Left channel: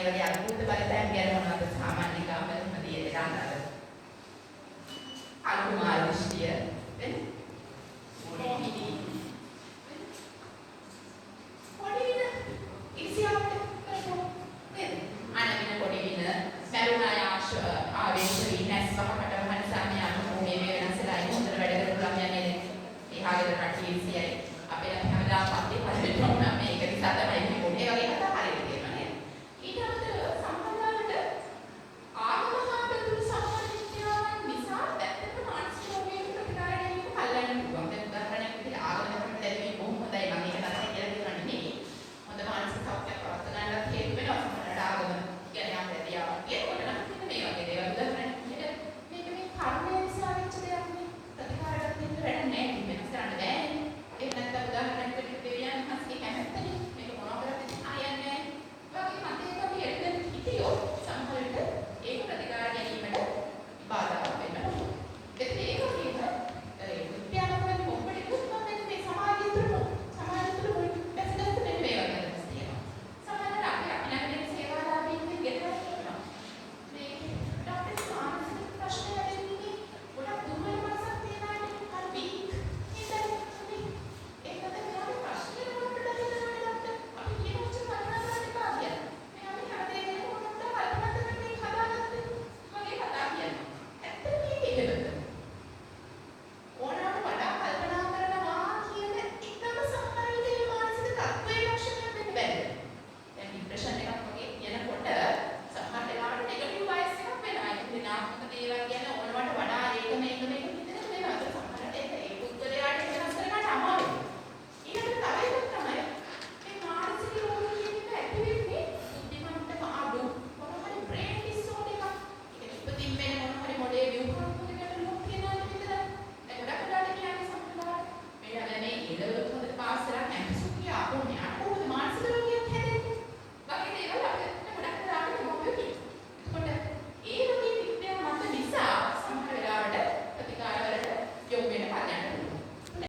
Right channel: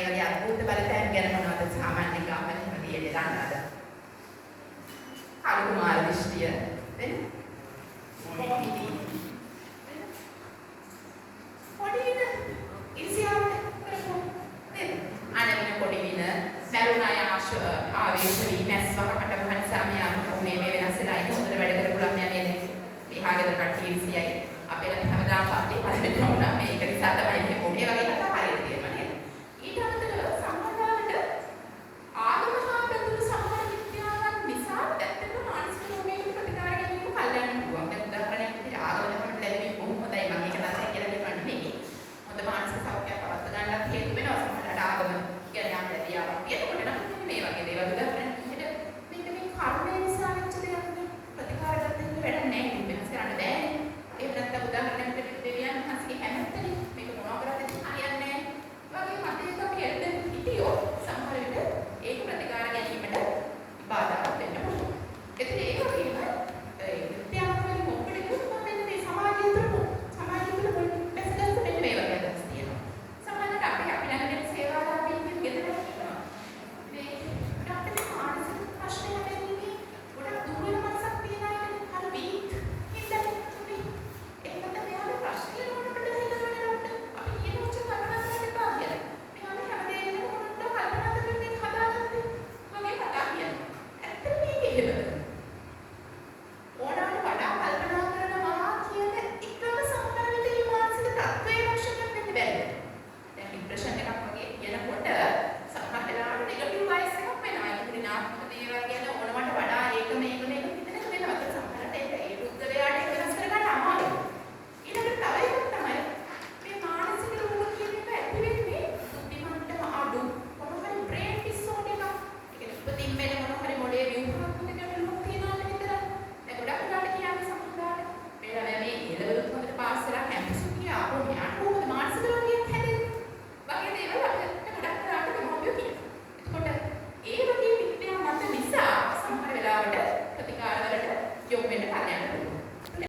ඒ වගේ අනුභූත බලතයන් ගැන මොනවද සාමාන්‍ය ගාමෙන් තියෙන්නේ දන්නවද? අනුමාන දෘෂ්ටිය වෙන මොහිදී පොඩි වින ඉසියාවට කරපො නේද? අනවින පොඩි වින සරුණාය ආවේශ විනස් වහකට මහන සාමියාන උනේ මේ වෙනස්ලා ඉන්න හොඳට වැඩ කරපු ළමයා නේද? එහාගේ කට්ටිය ඉසියයි අපේ හැමදාම පස්සේ පස්සේ වුණා මේක නිසා තමයි මේ පොඩි වගේ කතා හරියට කියනවා නේද? ඊට අමතරව සම්මදාවට ආගමහා ප්‍රතිතු සම්මාන විද්‍යාවන් නිසා ඇත්තටම මානසික රෝගීන් ප්‍රතිකාර ගැනීම කල්යන්න පුළුවන්. දැන් උදාහරණයක් විදිහට ආගමකට ලැබෙන්නේ බොහොම හොඳයි මම මේක නතර කියලා දෙන්න නෙමෙයි. හොඳ මානසික සෞඛ්‍යයක් පවත් ගන්නත් හේතු වෙනවා. සමහරවිට ආගම කියන්නේ යම් වැදියාවක් කියනකොට නම් මේ වගේ දේවල් උදාහරණයක් විදිහට මේක මේ කර්මය නිසා වෙච්ච දෙයක් නේ. ප්‍රතිකාර ගන්න වැඩ නැහැ. වෙනස් කරන්න බෑනේ. ඒක නැත්නම් උදාහරණයක් විදිහට දෙවියන් හස්කේ කැමැත්තනේ මේක මොනවා කරන්නද හරියන්නේ නැහැ. ඒ වගේ මතයක අපි එන්න හිතියොත්